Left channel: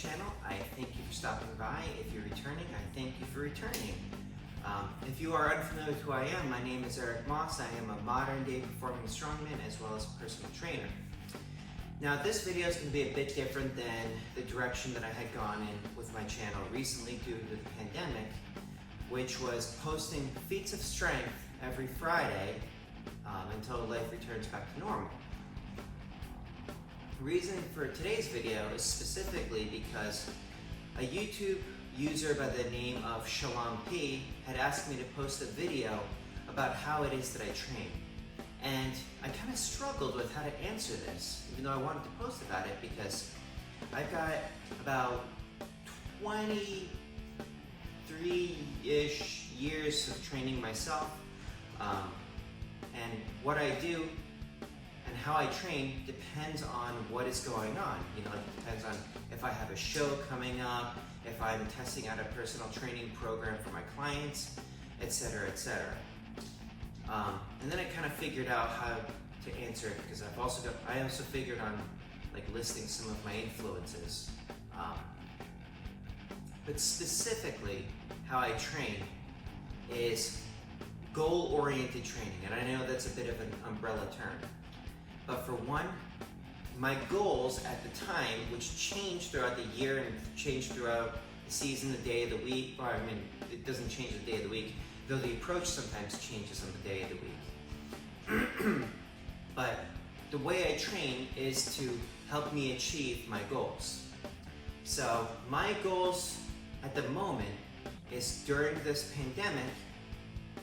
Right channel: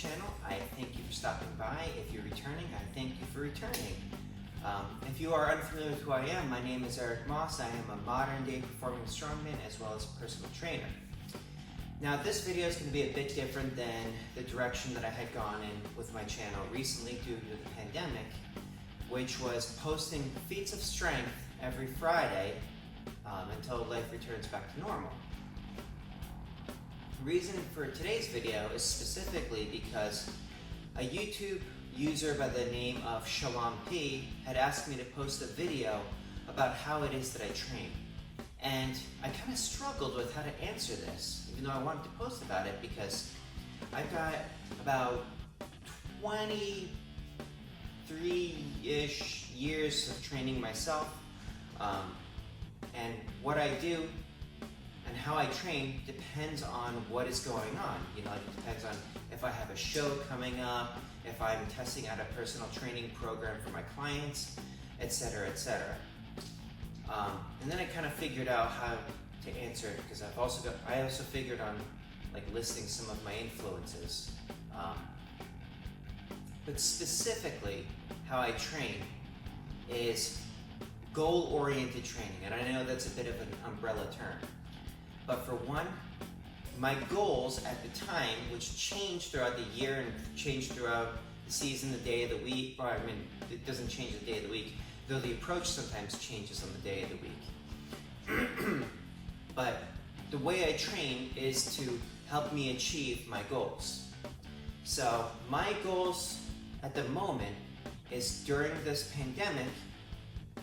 channel. I thank you for stopping by. If you're returning, I thank you for returning. If you are unfamiliar with who I am, my name is Eric Moss. I am a modern day performing strongman as well as a personal trainer. Now this video is going to be a bit different than the direction that I had gone in with my channel recently due to the pandemic, which was posting feats of strength every Friday until life returns back to normal. The reason for today's video is specifically because a YouTube user by the name of Shalom P had asked me to post a video about how it is that I train. And I kind of struggled with how to answer this, even though I wanted to post about it because I've got about 23-ish years of training myself. And what I do and how I train depends on what is going on. You know, it depends on if I have a show coming up, if I'm testing out a personal training program for my clients, etc., etc. And then I kind of figured out how to answer it because I also figured on like listing some of my influences. But specifically, how I train is goal-oriented training, and I know that's a bit of an umbrella term. But for one, my goals at the time, which changed throughout the year and changed throughout the season, the day of the week, or I mean, it doesn't change the day of the week, though the approach sometimes changes on the day of the week. But the way I train is to help me achieve my goals. So my goals at the moment is during this pandemic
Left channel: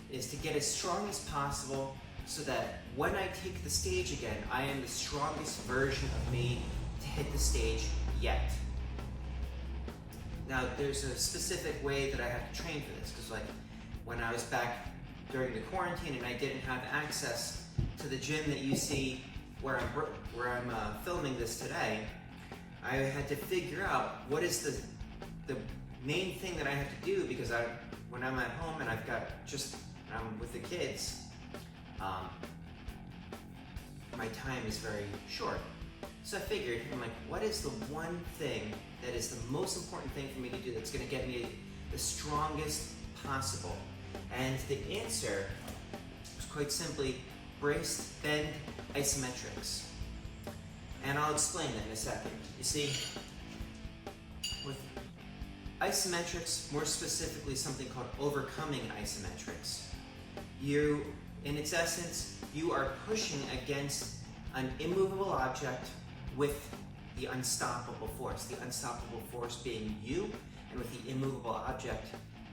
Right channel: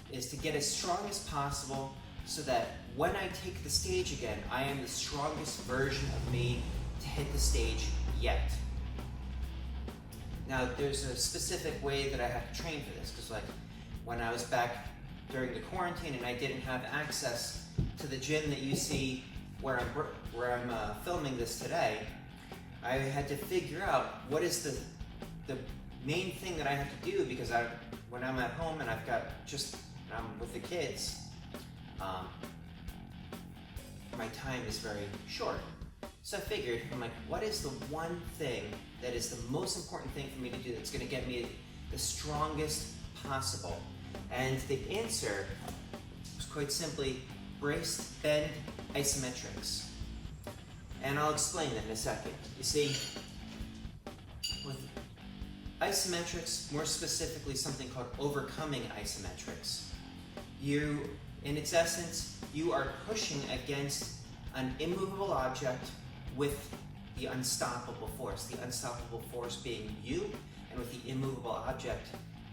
is to get as strong as possible so that when I take the stage again, I am the strongest version of me to hit the stage yet. Now, there's a specific way that I have to train for this, because like when I was back during the quarantine and I didn't have access to the gym that you see where I'm filming this today, I had to figure out what is the main thing that I have to do, because when I'm at home and I'm with the kids, my time is very short. So I figured, I'm like, what is the one thing that is the most important thing for me to do that's going to get me the strongest possible? And the answer was quite simply braced bend isometrics. And I'll explain that in a second. You see, with isometrics, more specifically something called overcoming isometrics, in its essence, you are pushing against an immovable object with the unstoppable force. The unstoppable force being you, and with the immovable object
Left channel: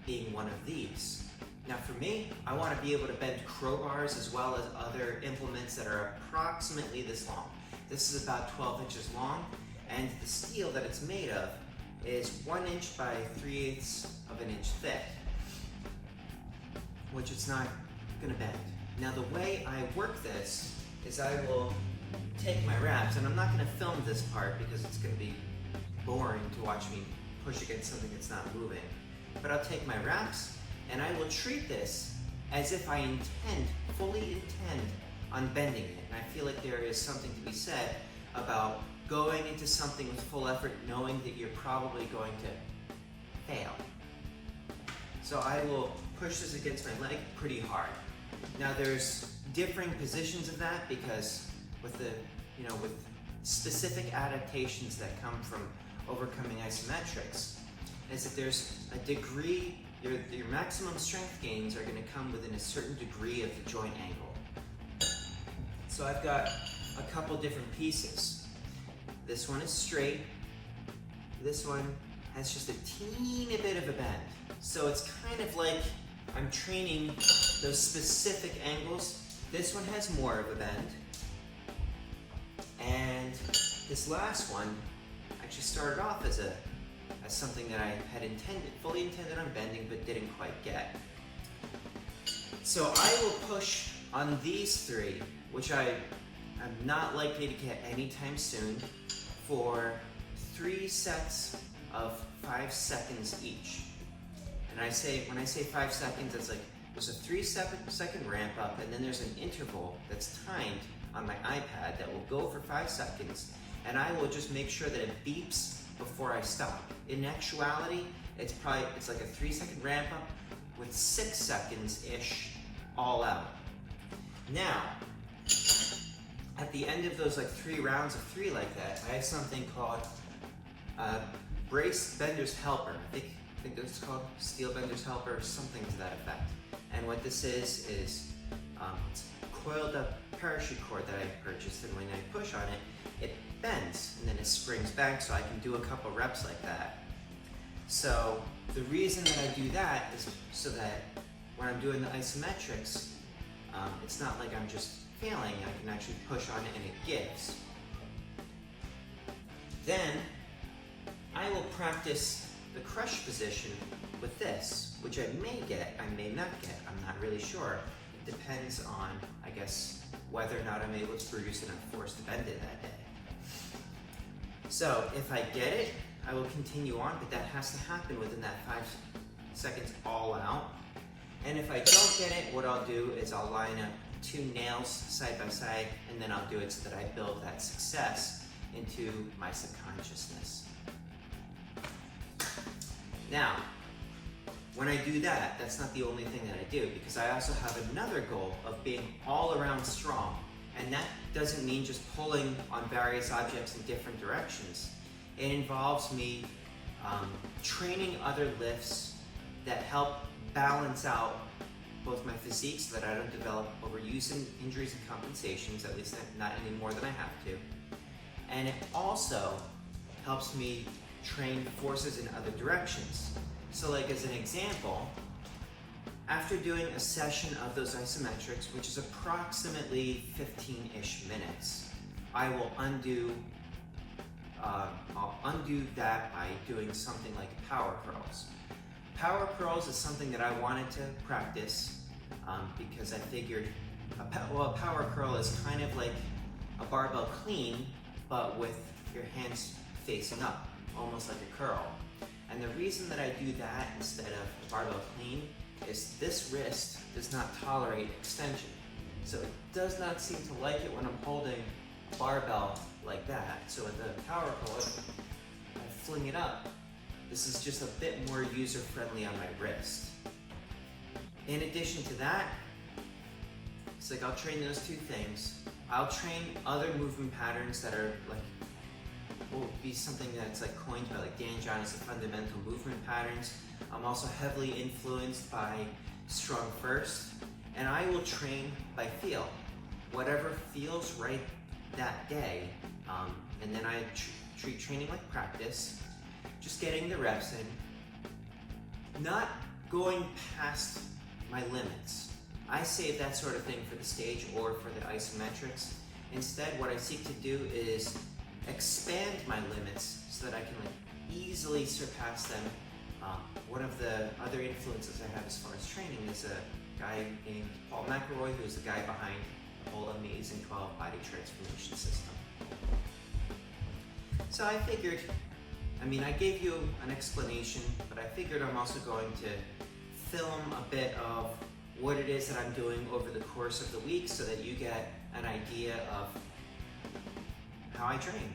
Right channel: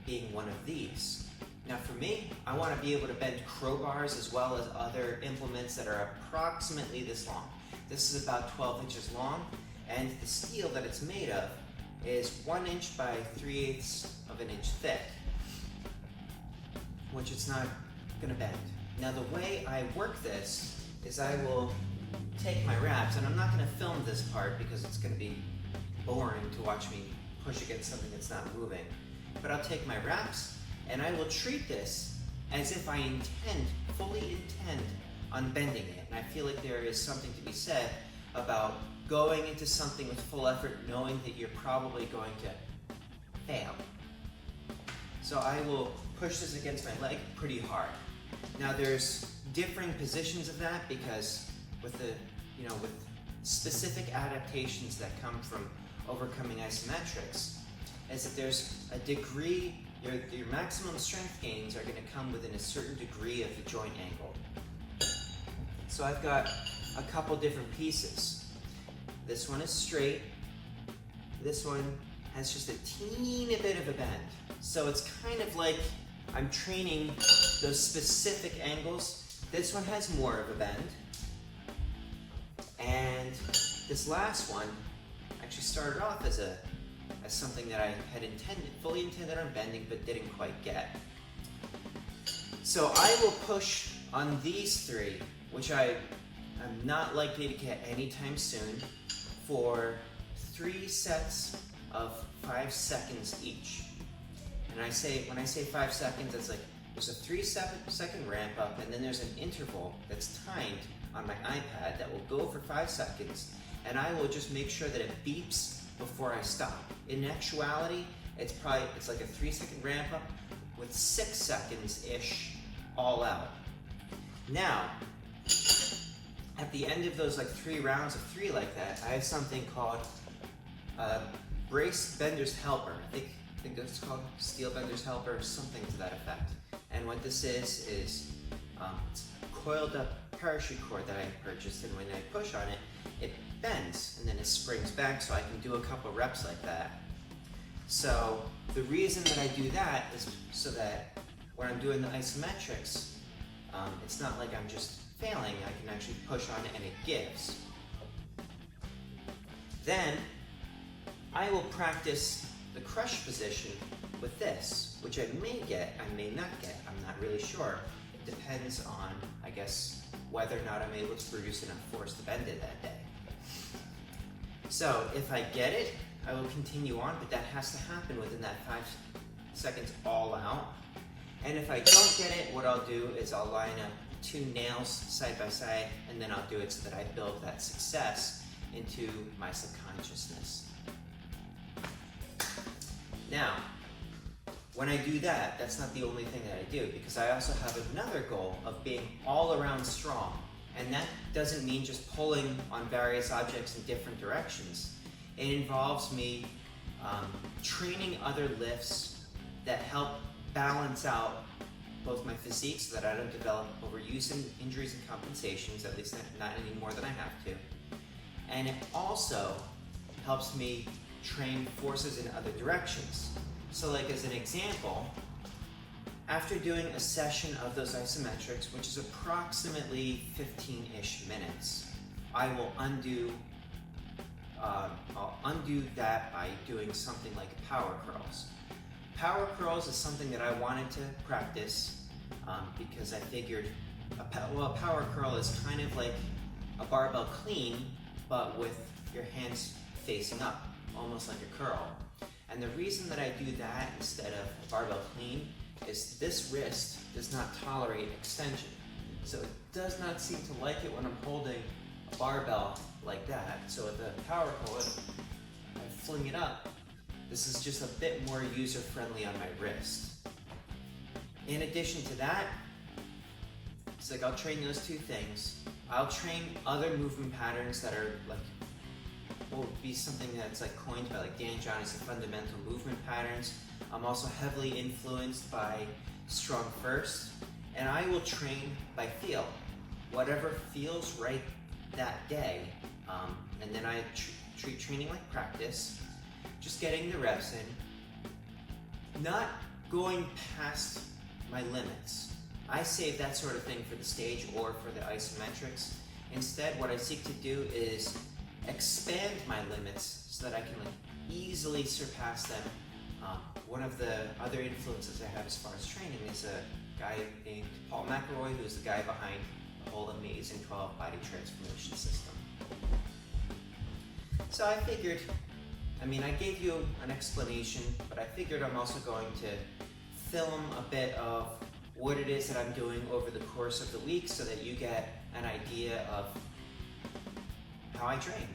being one of these. Now for me, I want to be able to bend crowbars as well as other implements that are approximately this long. This is about 12 inches long, and the steel that it's made of is 1 inch by 3/8 of an inch thick, which it's not going to bend. Now the way I work this is I will take my reps, and I'm not going to film this part because it's going to be boring to watch me push against something that's not moving. But I'll take my reps, and I will treat this as if I fully intend on bending it. And I feel like there is something to be said about going into something with full effort, knowing that you're probably going to fail. So I will push this against my leg pretty hard. Now there's differing positions of that because with specific adaptations that come from overcoming isometrics, is that there's a degree, your maximum strength gains are going to come within a certain degree of the joint angle. So I've got a couple different pieces. This one is straight. This one has just a teeny bit of a bend. So it's kind of like I'm training those specific angles. This one has more of a bend. And this last one actually started off as something that I had fully intended on bending, but didn't quite get. So I will push on these three, which I am not likely to get anytime soon, for 3 sets of 5 seconds each. And when I say 5 seconds, it's like there's a 3-second ramp up, and then there's an interval that's timed on my iPad that will go for 5 seconds, and I will just make sure that it beeps before I stop. In actuality, it's like a 3-second ramp up with 6 seconds-ish all out. Now, at the end of those like 3 rounds of 3 like that, I have something called brace bender's helper. I think it's called steel bender's helper or something to that effect. And what this is it's a coiled up parachute cord that I purchased, and when I push on it, it bends and then it springs back, so I can do a couple reps like that. So the reason that I do that is so that when I'm doing the isometrics, it's not like I'm just failing. I can actually push on it and it gives. Then I will practice the crush position with this, which I may get, I may not get, I'm not really sure. It depends on, I guess, whether or not I'm able to produce enough force to bend it that day. So if I get it, I will continue on, but that has to happen within that 5 seconds all out. And if I don't get it, what I'll do is I'll line up 2 nails side by side, and then I'll do it so that I build that success into my subconsciousness. Now, when I do that, that's not the only thing that I do, because I also have another goal of being all around strong. And that doesn't mean just pulling on various objects in different directions. It involves me training other lifts that help balance out both my physique so that I don't develop overuse and injuries and compensations, at least not any more than I have to. And it also helps me train forces in other directions. So like as an example, after doing a session of those isometrics, which is approximately 15-ish minutes, I will I'll undo that by doing something like power curls. Power curls is something that I wanted to practice because I figured a power curl is kind of like a barbell clean, but with your hands facing up, almost like a curl. And the reason that I do that instead of a barbell clean is this wrist does not tolerate extension. So it does not seem to like it when I'm holding a barbell like that. So with the power curl, I fling it up. This is just a bit more user-friendly on my wrist. In addition to that, it's like I'll train those 2 things. I'll train other movement patterns that are like, will be something that's like coined by like Dan John as the fundamental movement patterns. I'm also heavily influenced by Strong First, and I will train by feel. Whatever feels right that day, and then I treat training like practice, just getting the reps in, not going past my limits. I save that sort of thing for the stage or for the isometrics. Instead, what I seek to do is expand my limits so that I can easily surpass them. One of the other influences I have as far as training is a guy named Paul McElroy, who's the guy behind the whole amazing 12 body transformation system. So I figured, I gave you an explanation, but I figured I'm also going to film a bit of what it is that I'm doing over the course of the week so that you get an idea of how I train.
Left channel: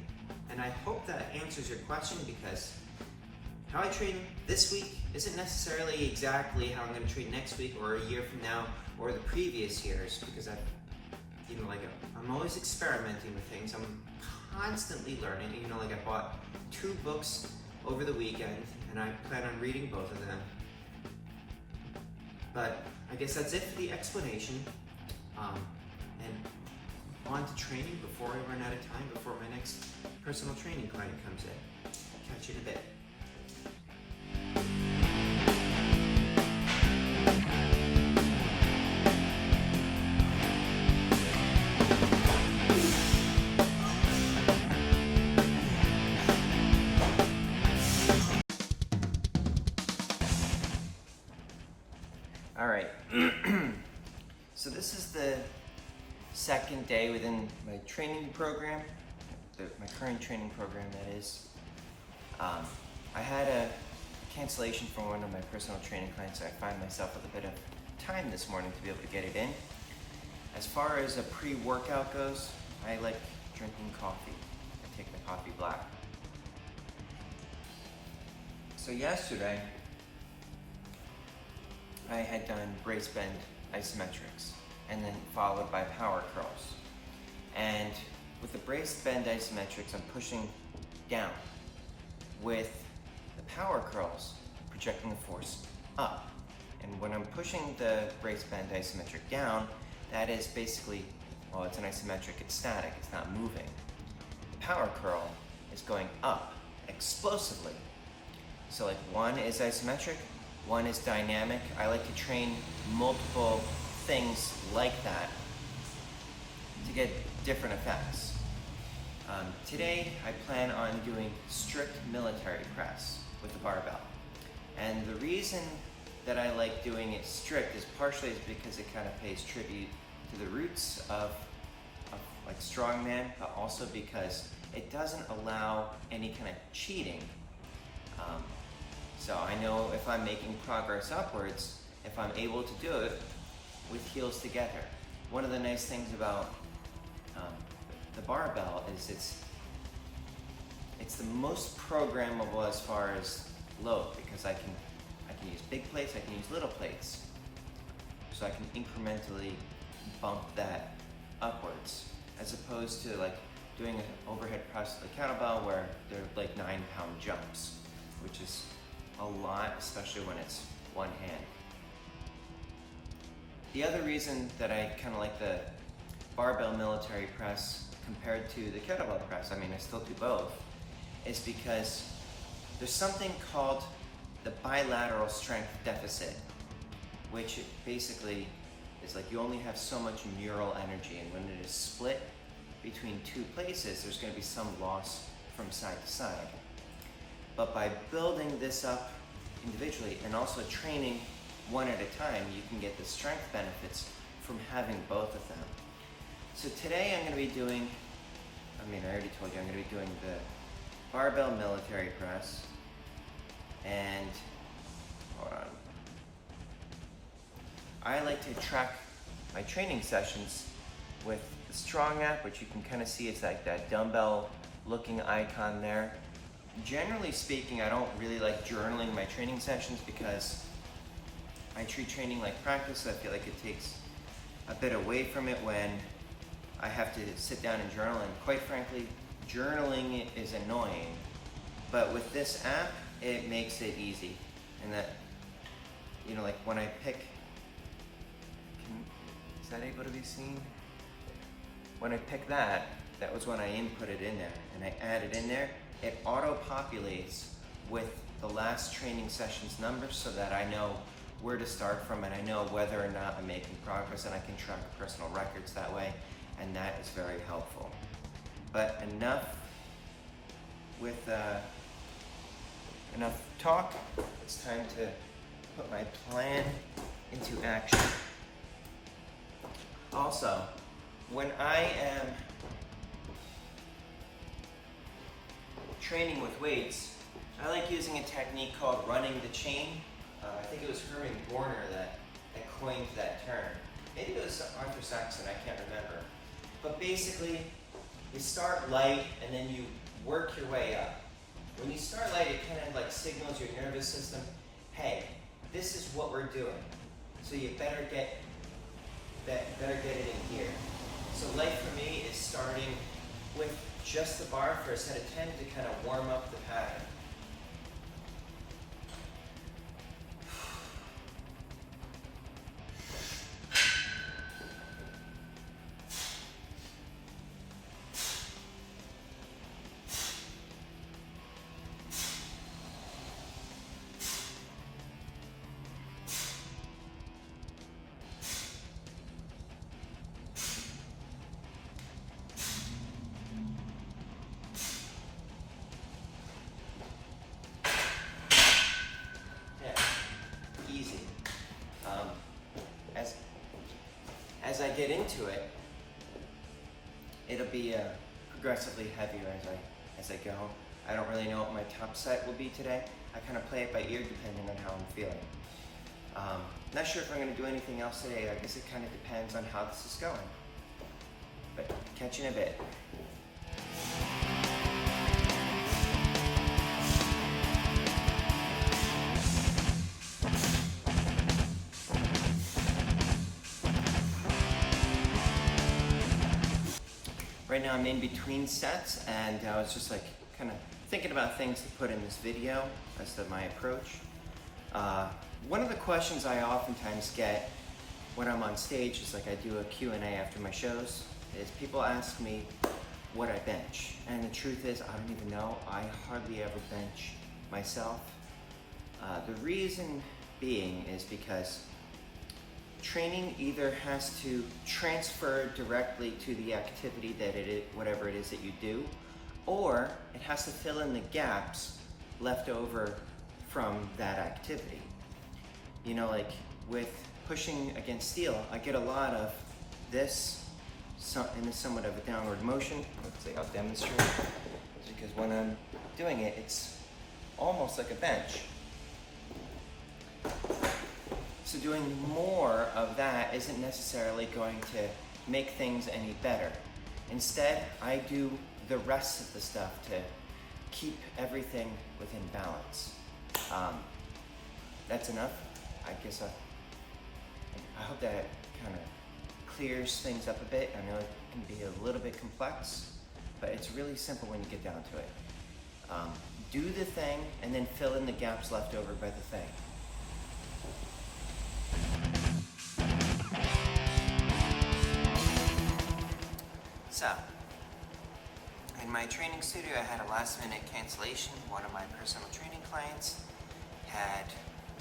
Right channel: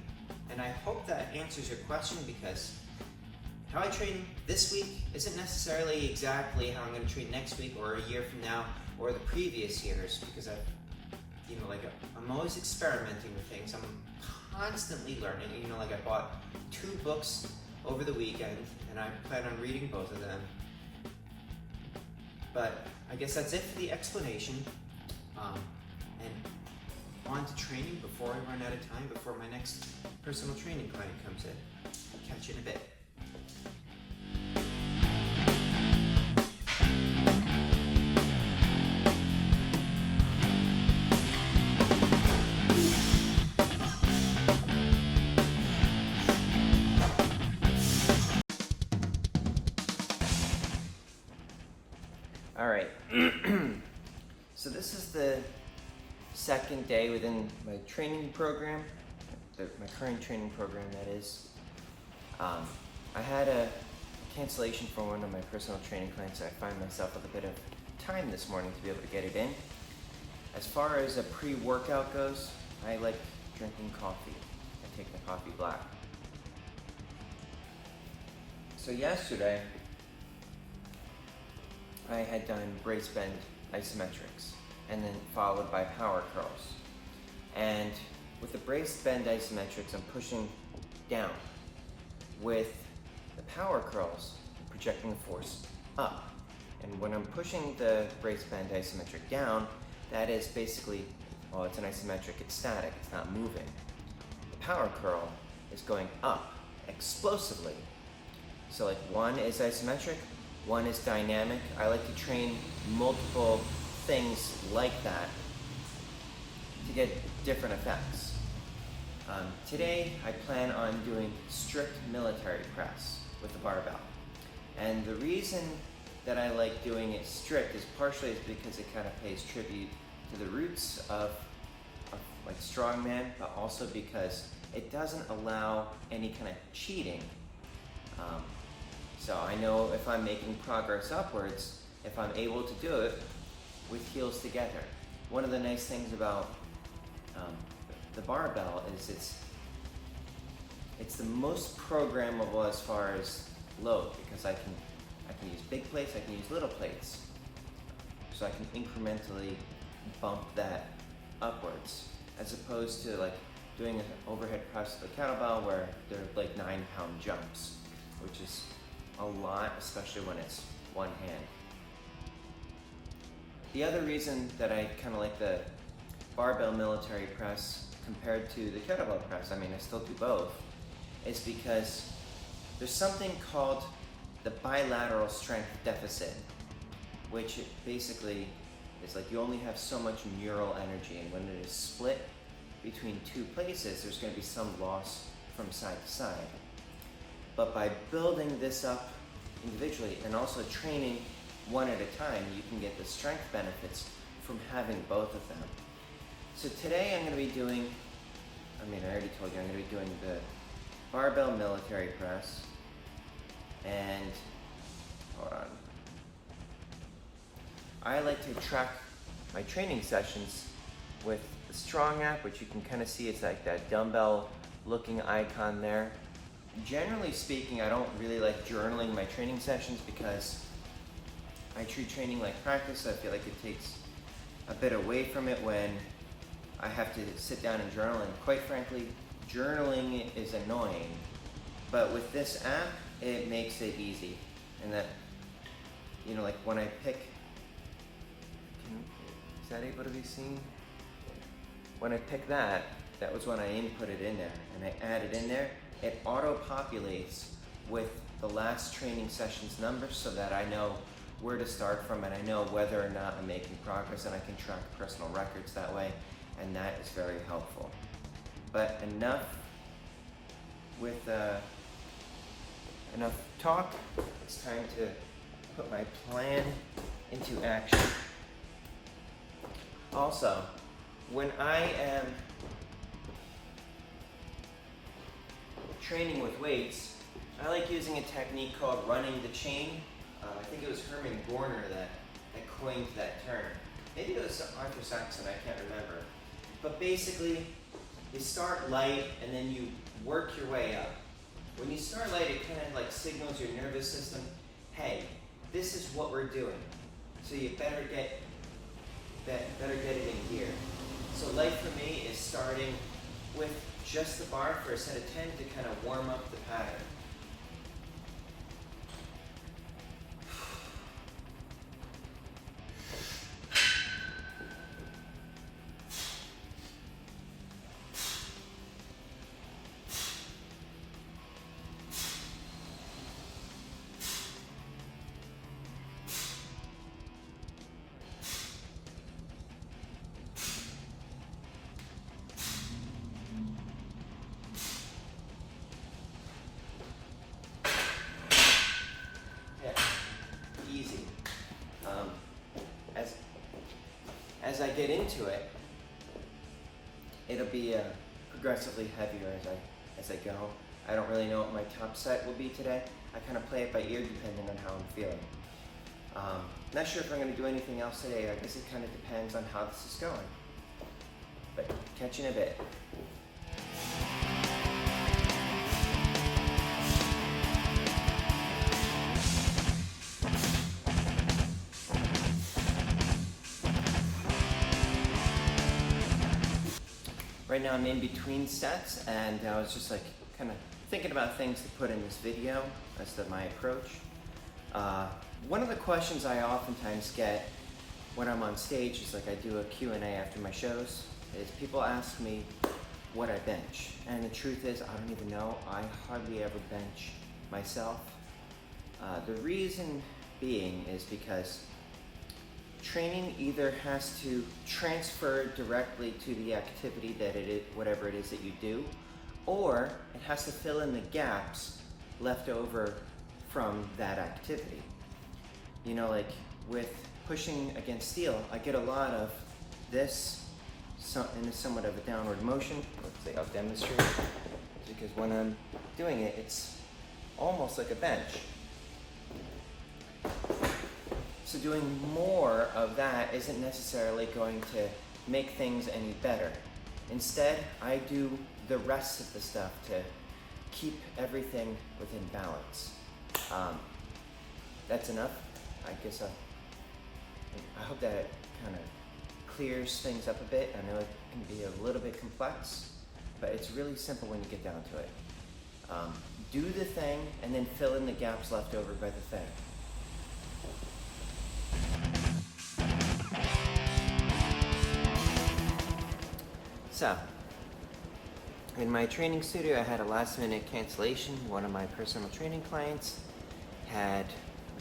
And I hope that answers your question, because how I train this week isn't necessarily exactly how I'm going to train next week or a year from now or the previous years, because I'm always experimenting with things. I'm constantly learning. I bought 2 books over the weekend, and I plan on reading both of them. But I guess that's it for the explanation. And on to training before I run out of time, before my next personal training client comes in. I'll catch you in a bit. Alright, so this is the second day within my training program, my current training program that is. I had a cancellation from one of my personal training clients, so I find myself with a bit of time this morning to be able to get it in. As far as a pre-workout goes, I like drinking coffee. I take the coffee black. So yesterday, I had done brace bend isometrics and then followed by power curls. And with the brace bend isometrics, I'm pushing down. With the power curls, projecting force up. And when I'm pushing the brace bend isometric down, that is basically, well, it's an isometric, it's static, it's not moving. Power curl is going up explosively. So like one is isometric, one is dynamic. I like to train multiple things like that to get different effects. Today I plan on doing strict military press with the barbell. And the reason that I like doing it strict is partially because it kind of pays tribute to the roots of like strongman, but also because it doesn't allow any kind of cheating. So I know if I'm making progress upwards, if I'm able to do it with heels together. One of the nice things about the barbell is it's the most programmable as far as load, because I can use big plates, I can use little plates. So I can incrementally bump that upwards, as opposed to like doing an overhead press with a kettlebell where they're like 9-pound jumps, which is a lot, especially when it's one hand. The other reason that I kind of like the barbell military press compared to the kettlebell press, I mean I still do both, is because there's something called the bilateral strength deficit, which basically is like you only have so much mural energy, and when it is split between two places, there's going to be some loss from side to side. But by building this up individually and also training one at a time, you can get the strength benefits from having both of them. So today I'm going to be doing, I already told you, I'm going to be doing the barbell military press. And, hold on. I like to track my training sessions with the Strong app, which you can kind of see it's like that dumbbell looking icon there. Generally speaking, I don't really like journaling my training sessions because I treat training like practice. I feel like it takes a bit away from it when I have to sit down and journal, and quite frankly, journaling is annoying. But with this app, it makes it easy. And that, you know, like when I pick, is that able to be seen? When I pick that was when I inputted in there, and I added in there, it auto-populates with the last training session's numbers so that I know where to start from, and I know whether or not I'm making progress, and I can track personal records that way, and that is very helpful. But enough with enough talk. It's time to put my plan into action. Also, when I am training with weights, I like using a technique called running the chain. I think it was Herman Gorner that coined that term. Maybe it was Arthur Saxon, I can't remember. But basically, you start light and then you work your way up. When you start light, it kind of like signals your nervous system, hey, this is what we're doing. So you better get it in here. So light for me is starting with just the bar for a set of 10 to kind of warm up the pattern. As I get into it, it'll be progressively heavier as I go. I don't really know what my top set will be today. I kind of play it by ear depending on how I'm feeling. Not sure if I'm going to do anything else today. I guess it kind of depends on how this is going. But catch you in a bit. Right now I'm in between sets, and I was just like kind of thinking about things to put in this video. That's my approach. One of the questions I oftentimes get when I'm on stage is like I do a Q&A after my shows, is people ask me what I bench. And the truth is, I don't even know. I hardly ever bench myself. The reason being is because training either has to transfer directly to the activity that it is, whatever it is that you do, or it has to fill in the gaps left over from that activity. You know, like with pushing against steel, I get a lot of this in somewhat of a downward motion. Let's see, I'll demonstrate. Because when I'm doing it, it's almost like a bench. So doing more of that isn't necessarily going to make things any better. Instead, I do the rest of the stuff to keep everything within balance. That's enough. I guess I hope that kind of clears things up a bit. I know it can be a little bit complex, but it's really simple when you get down to it. Do the thing and then fill in the gaps left over by the thing. So, in my training studio, I had a last-minute cancellation. One of my personal training clients had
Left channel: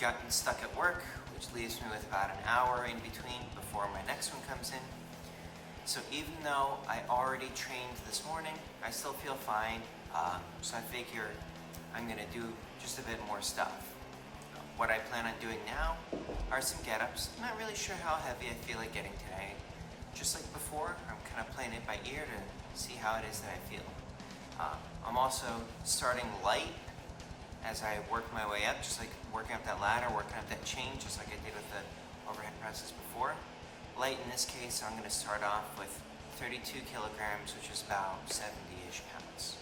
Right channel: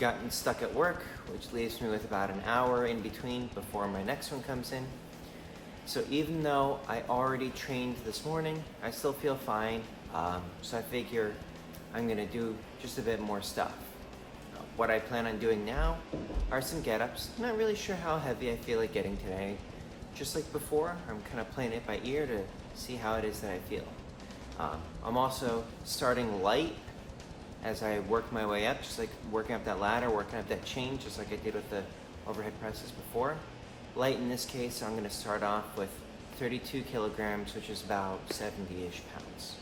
gotten stuck at work, which leaves me with about an hour in between before my next one comes in. So even though I already trained this morning, I still feel fine. So I figure I'm gonna do just a bit more stuff. What I plan on doing now are some get-ups. I'm not really sure how heavy I feel like getting today. Just like before, I'm kind of playing it by ear to see how it is that I feel. I'm also starting light as I work my way up, just like working up that ladder, working up that chain, just like I did with the overhead presses before. Light in this case, I'm gonna start off with 32 kilograms, which is about 70-ish pounds.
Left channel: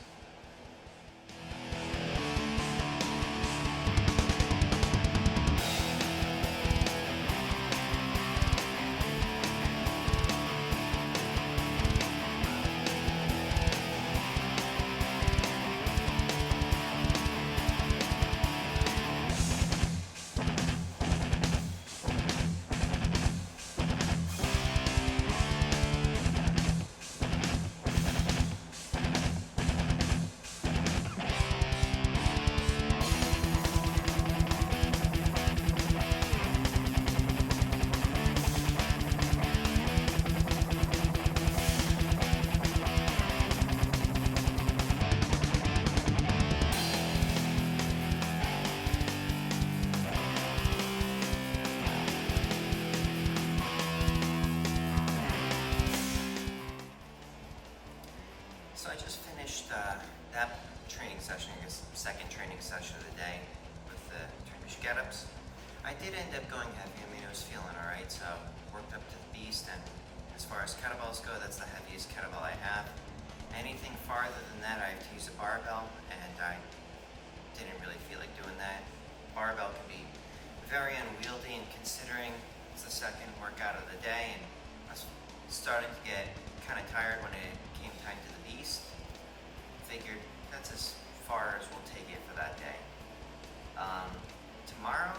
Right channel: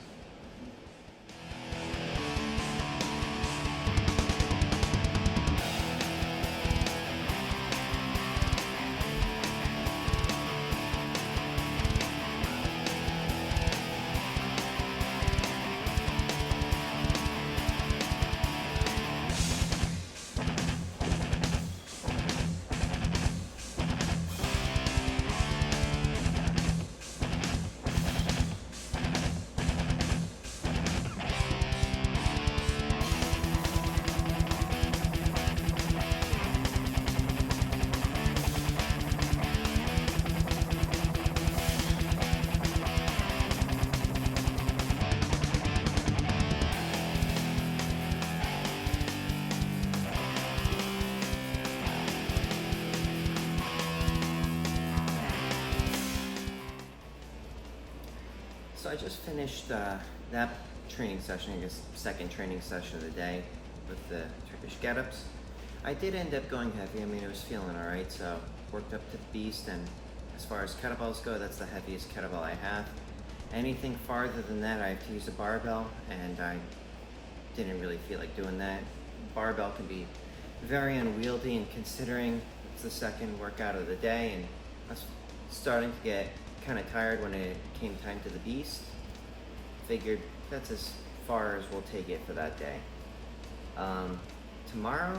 So I just finished that training session, I guess second training session of the day with the Turkish get-ups. I did end up going heavy. I mean, I was feeling all right, so worked up to the beast, and as far as kettlebells go, that's the heaviest kettlebell I have. Anything farther than that, I have to use a barbell, and I didn't really feel like doing that. Barbell can be very unwieldy, and considering it's the second workout of the day, and I was starting to get kind of tired when it came time to the beast. Figured that's as far as we'll take it for that day. Tomorrow,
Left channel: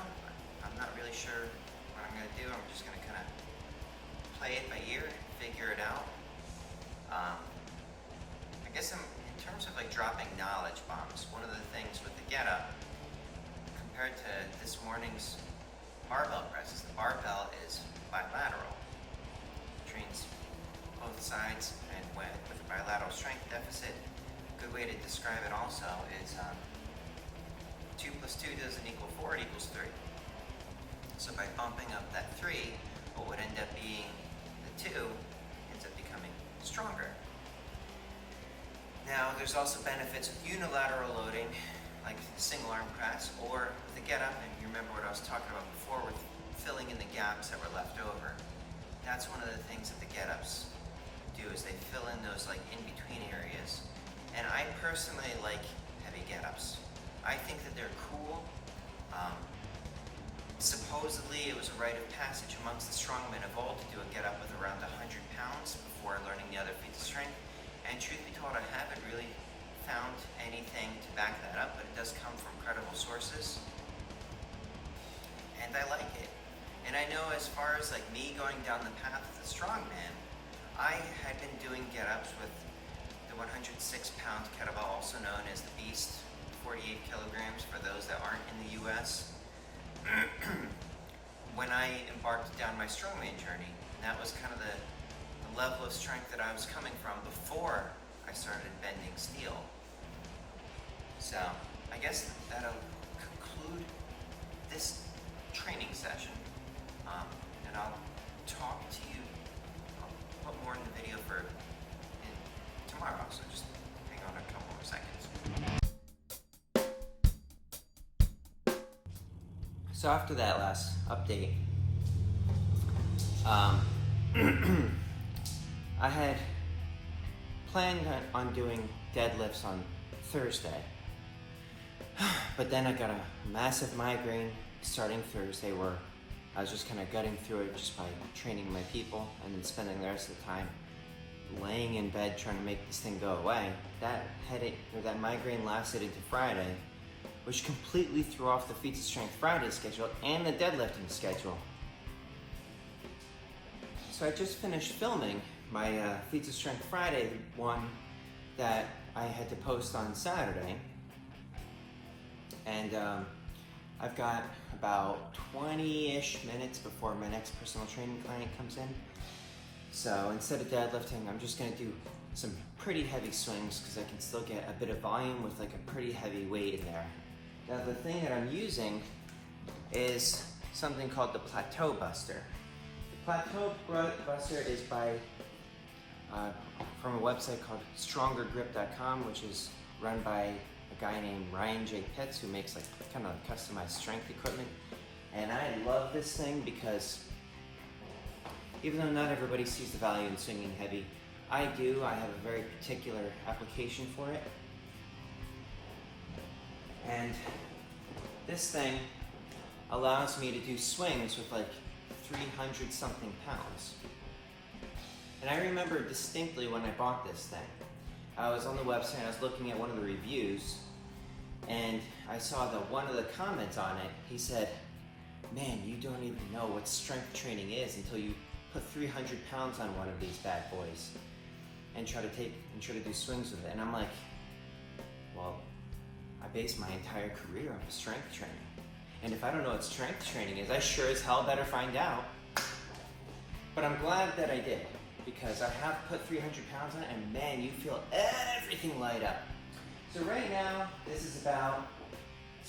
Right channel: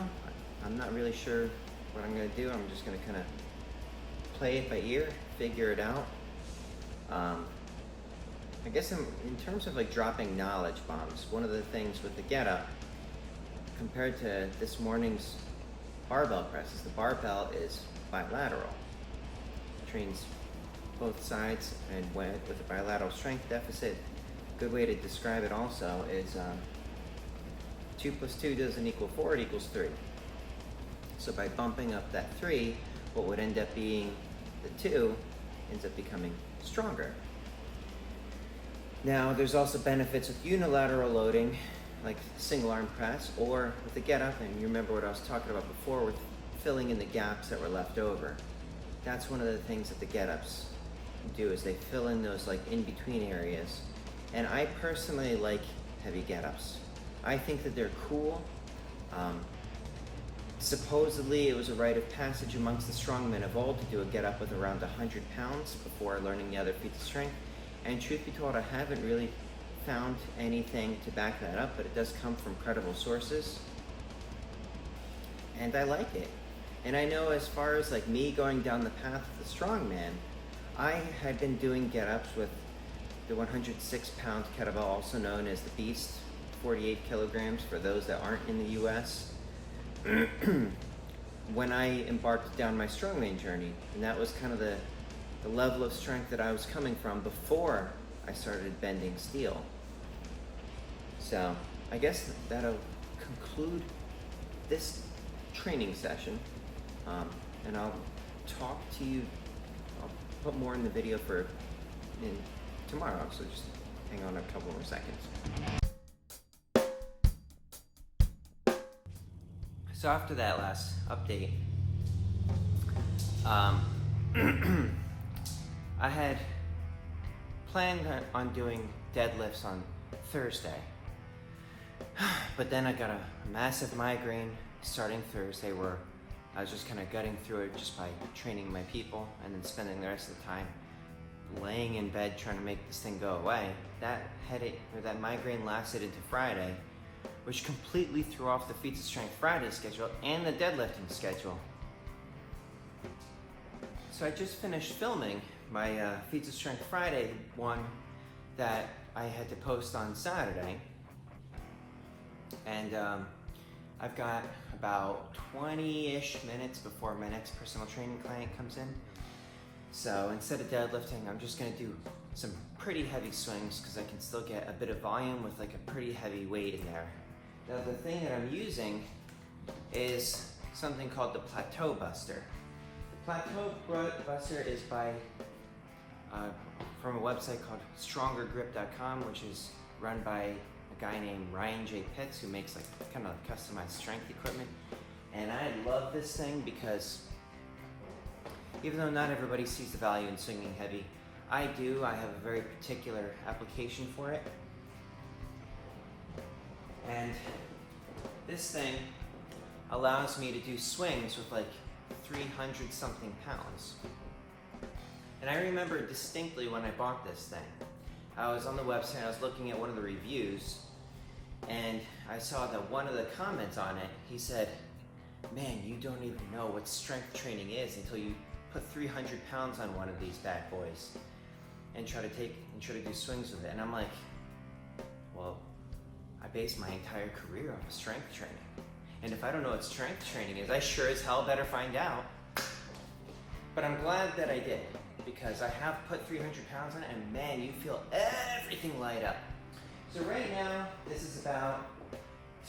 I'm not really sure what I'm gonna do. I'm just gonna kind of play it by ear, figure it out. I guess in terms of like dropping knowledge bombs, one of the things with the get up, compared to this morning's barbell presses, the barbell is bilateral. It trains both sides, and with a bilateral strength deficit, a good way to describe it also is 2 plus 2 doesn't equal 4, it equals 3. So by bumping up that 3, what would end up being the 2 ends up becoming stronger. Now, there's also benefits with unilateral loading, like single arm press, or with the get up, and you remember what I was talking about before with filling in the gaps that were left over. That's one of the things that the get ups do, is they fill in those like in between areas. And I personally like heavy get ups. I think that they're cool. Supposedly it was a rite of passage amongst the strongmen of old to do a get up with around 100 pounds before learning the other feats of strength. And truth be told, I haven't really found anything to back that up, but it does come from credible sources. And I like it. And I know as far as like me going down the path of the strongman, I had been doing get-ups with the 106-pound kettlebell, also known as the Beast, 48 kilograms for those that aren't in the US, when I embarked down my strongman journey. And that was kind of the level of strength that I was coming from before I started bending steel. So I guess that'll conclude this training session, and I'll talk to you. I'll put more in the video for tomorrow, so just hang on a couple more seconds. So after that last update, I had planned on doing deadlifts on Thursday, but then I got a massive migraine starting Thursday where I was just kind of gutting through it just by training my people and then spending the rest of the time laying in bed trying to make this thing go away. That headache or that migraine lasted into Friday, which completely threw off the Feats of Strength Friday schedule and the deadlifting schedule. So I just finished filming my Feats of Strength Friday one that I had to post on Saturday. And I've got about 20-ish minutes before my next personal training client comes in. So instead of deadlifting, I'm just gonna do some pretty heavy swings because I can still get a bit of volume with like a pretty heavy weight in there. Now the thing that I'm using is something called the Plateau Buster. The Plateau Buster is by from a website called StrongerGrip.com, which is run by a guy named Ryan J. Pitts, who makes like kind of like customized strength equipment. And I love this thing because even though not everybody sees the value in swinging heavy, I do. I have a very particular application for it. And this thing allows me to do swings with like 300 something pounds. And I remember distinctly when I bought this thing. I was on the website, I was looking at one of the reviews, and I saw that one of the comments on it, he said, "Man, you don't even know what strength training is until you put 300 pounds on one of these bad boys and try to do swings with it." And I'm like, well, I base my entire career on strength training. And if I don't know what strength training is, I sure as hell better find out. But I'm glad that I did, because I have put 300 pounds on it, and man, you feel everything light up. So right now, this is about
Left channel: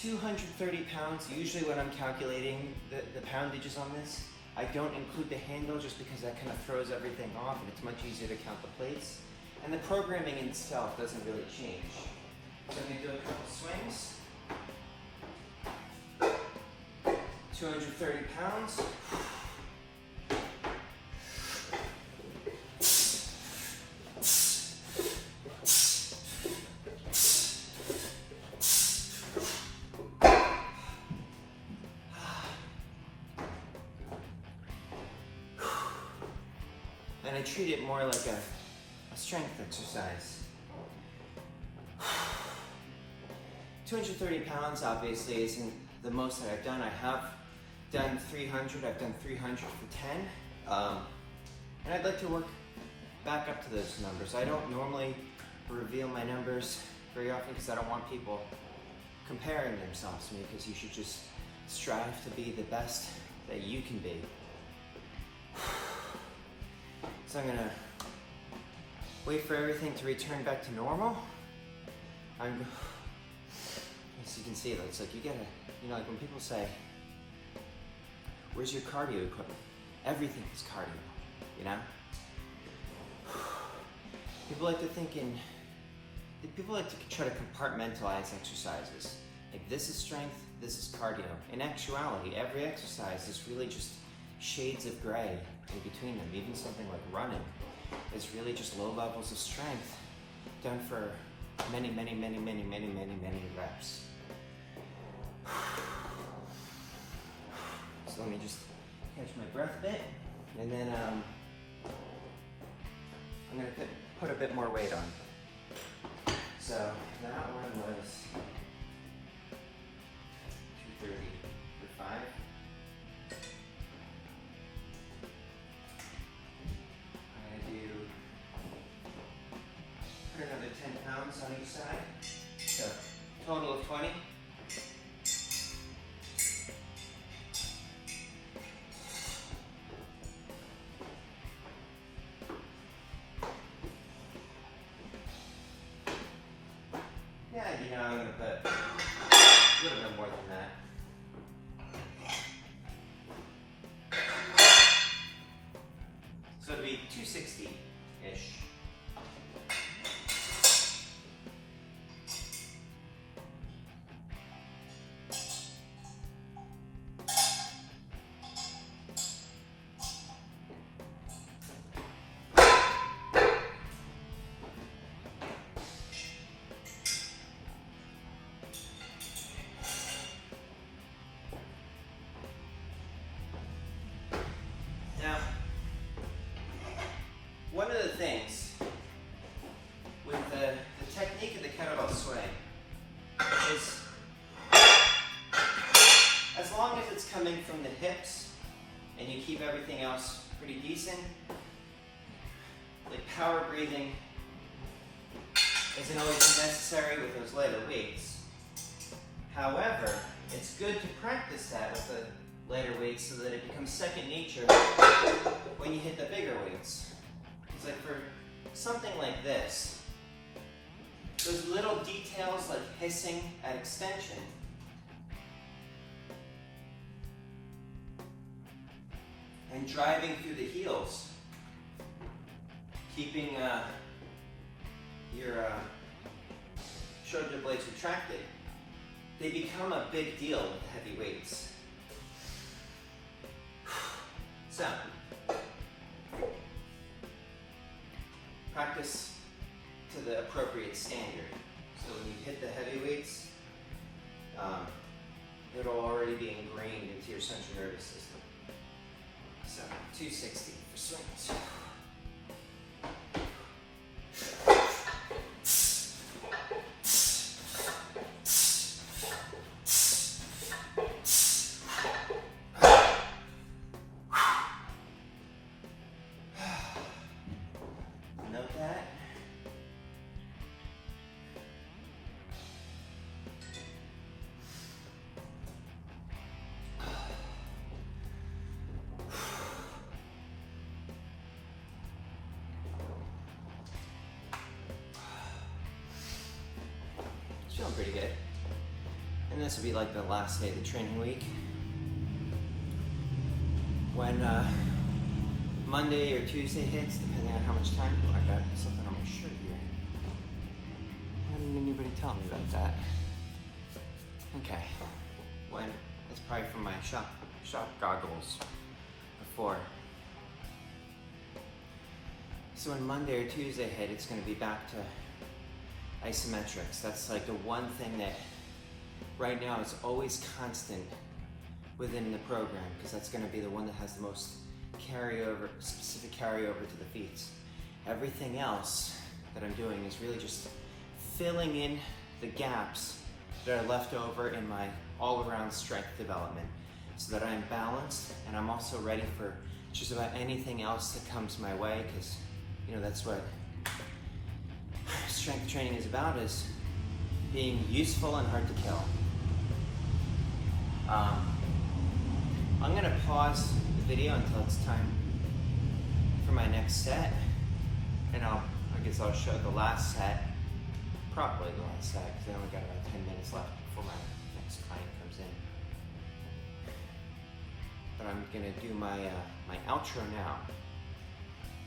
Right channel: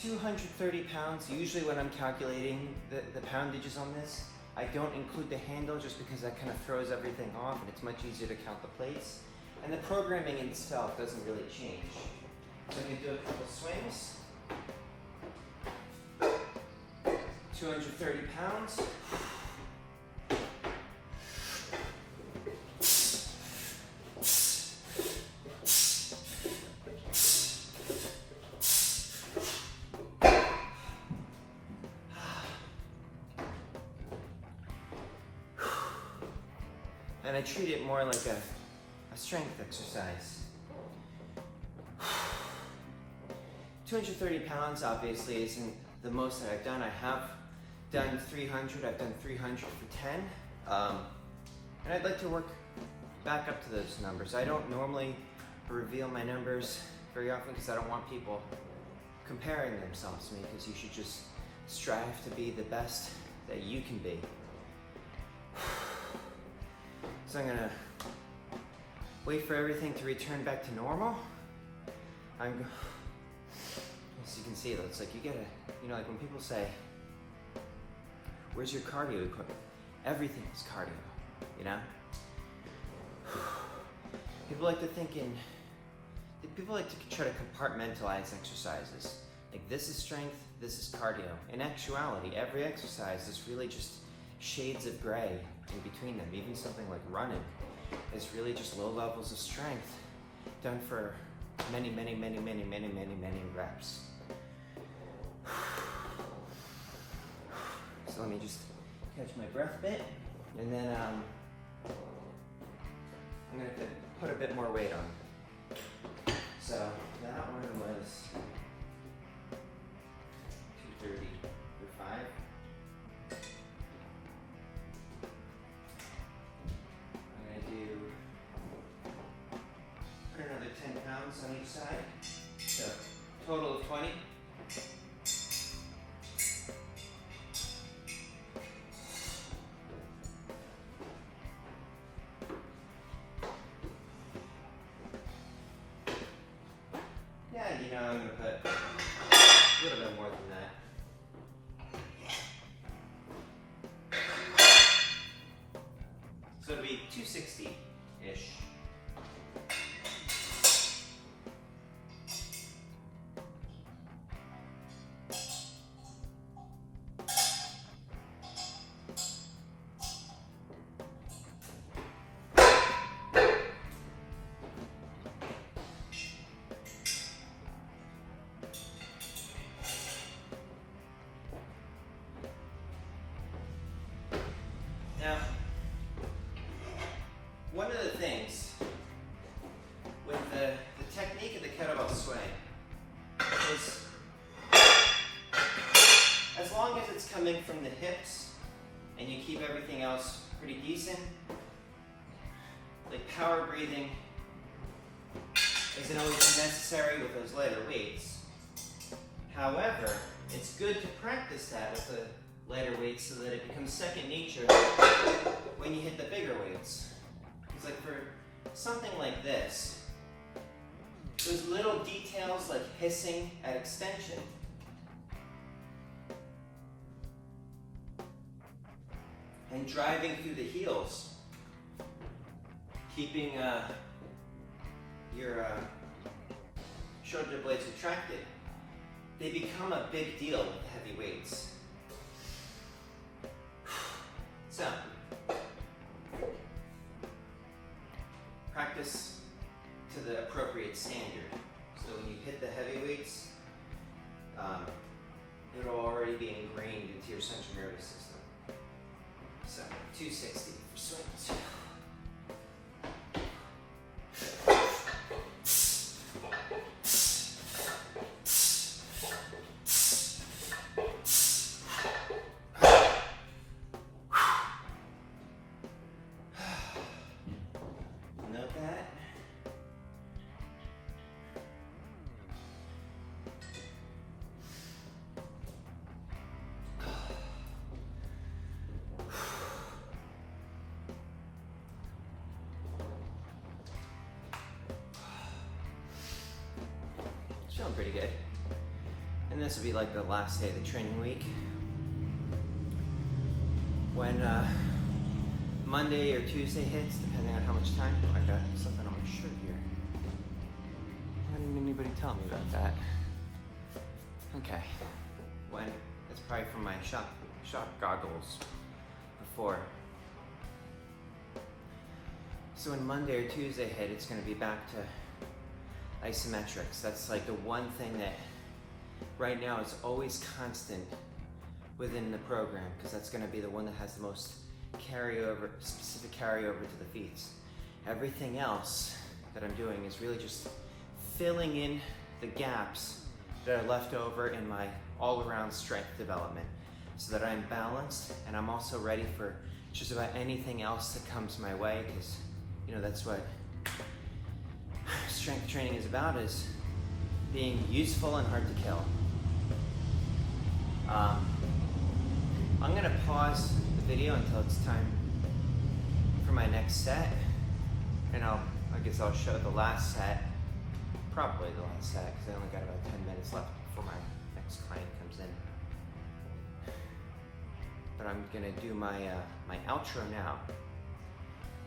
230 pounds. Usually when I'm calculating the poundages on this, I don't include the handle just because that kind of throws everything off and it's much easier to count the plates. And the programming itself doesn't really change. So I'm going to do a couple swings. 230 pounds. And I treat it more like a strength exercise. 230 pounds obviously isn't the most that I've done. I have done 300, I've done 300 for 10. And I'd like to work back up to those numbers. I don't normally reveal my numbers very often because I don't want people comparing themselves to me, because you should just strive to be the best that you can be. So I'm gonna wait for everything to return back to normal. As you can see, it's like you get like when people say, "Where's your cardio equipment?" Everything is cardio, you know? People like to try to compartmentalize exercises. Like, this is strength, this is cardio. In actuality, every exercise is really just shades of gray in between them. Even something like running is really just low levels of strength done for many reps. So let me just catch my breath a bit, and then I'm gonna put a bit more weight on. So that one was 230 for 5. I'm going to do, put another 10 pounds on each side. So total of 20. You know, I'm going to put a little bit more than that. So it'll be 260-ish. One of the things with the technique of the kettlebell swing is, as long as it's coming from the hips and you keep everything else pretty decent, like power breathing isn't always necessary with those lighter weights. However, it's good to practice that with the lighter weights so that it becomes second nature when you hit the bigger weights. It's like for something like this, those little details like hissing at extension and driving through the heels, keeping your shoulder blades retracted, they become a big deal with the heavy weights. So, practice to the appropriate standard. So when you hit the heavy weights, it'll already be ingrained into your central nervous system. So 260 for swings. Feeling pretty good. And this will be like the last day of the training week. When Monday or Tuesday hits, depending on how much time. Oh, I got something on my shirt here. Why didn't anybody tell me about that? Okay. When it's probably from my shop goggles before. So when Monday or Tuesday hit, it's going to be back to Isometrics. That's like the one thing that right now is always constant within the program, because that's going to be the one that has the most carryover, specific carryover to the feats. Everything else that I'm doing is really just filling in the gaps that are left over in my all-around strength development so that I'm balanced and I'm also ready for just about anything else that comes my way, because you know that's what strength training is about, is being useful and hard to kill. I'm going to pause the video until it's time for my next set, and I guess I'll show the last set, probably the last set, because I only got about 10 minutes left before my next client comes in. But I'm going to do my outro now.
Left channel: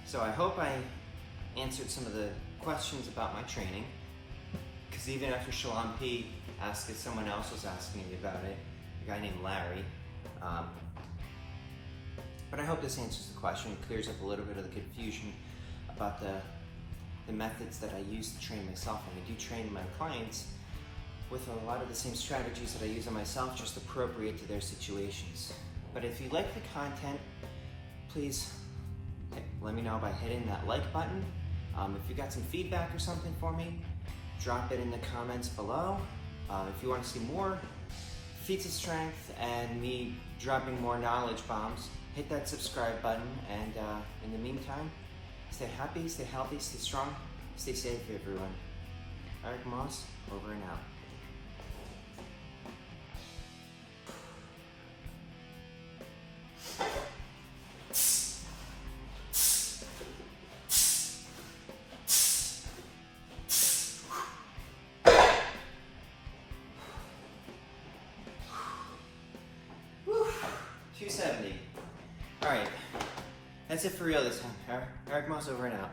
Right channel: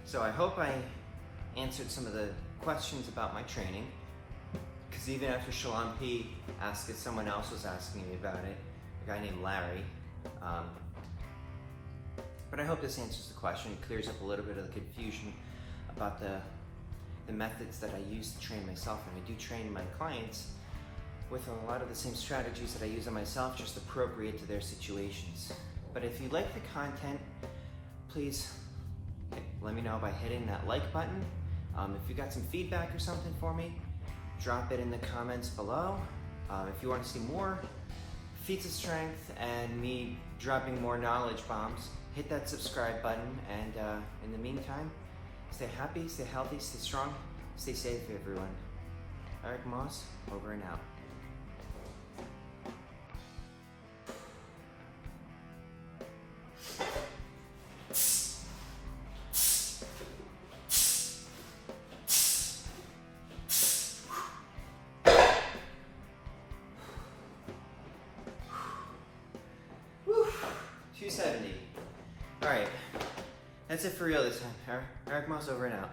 So I hope I answered some of the questions about my training, because even after Shalom P asked it, someone else was asking me about it, a guy named Larry. But I hope this answers the question, clears up a little bit of the confusion about the methods that I use to train myself. And I do train my clients with a lot of the same strategies that I use on myself, just appropriate to their situations. But if you like the content, please let me know by hitting that like button If you got some feedback or something for me, drop it in the comments below. If you want to see more feats of strength and me dropping more knowledge bombs, hit that subscribe button. And in the meantime, stay happy, stay healthy, stay strong, stay safe, everyone. Eric Moss, over and out. Whew. 270. All right, that's it for real this time. Eric Moss, over and out.